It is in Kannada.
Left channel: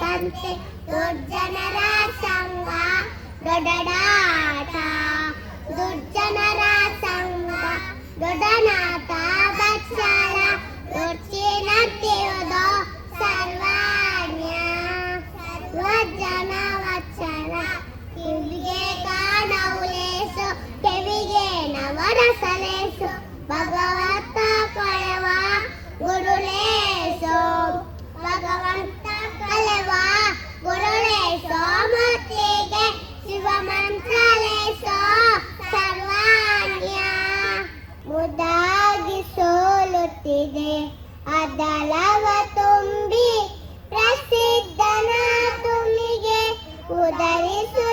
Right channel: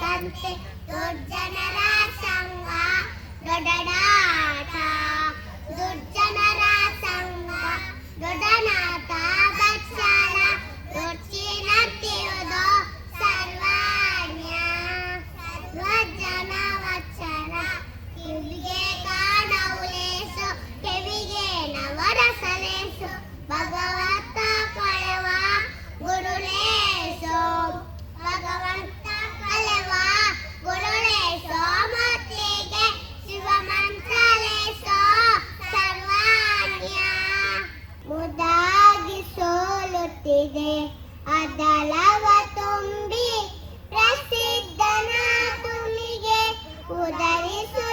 ಸಂತೆ ದುರ್ಜನರ ಸಂಗ ದೊಡ್ಡನಾಟ ದುರ್ಜನರ ಸಂಗ ದೊಡ್ಡನಾಟ ಬಚ್ಚಾಲ ದೊಡ್ಚಿನತ್ತಿಯುವುದು ಸರ್ವಜ್ಞ ಸರ್ವಜನ ವಚ್ಚಲ ಕಿವಿಗೆ ಕಾಣವುಲೇಸು ಕೆವಿಗೆ ನವರಸಲೇಸು ಭಗವಂತ ಕೊಳೆವ ಗುರುಲೇಸು ಭಗವಂತ ಕಲೆವ ಗುರುಲೇಸೋ ಮತ್ತಿಗೆ ಶಿವ ಮಂತ್ರಲೇಸೋ ಸರ್ವಜ್ಞ ಮುದಾಗಿ ಸೋಲುತ್ತಿದೆ ಅದಲವ ತುಂಬಿ ಪ್ರಸಿದ್ಧನ ತುಮಿಗೆ ಉದರಿಸು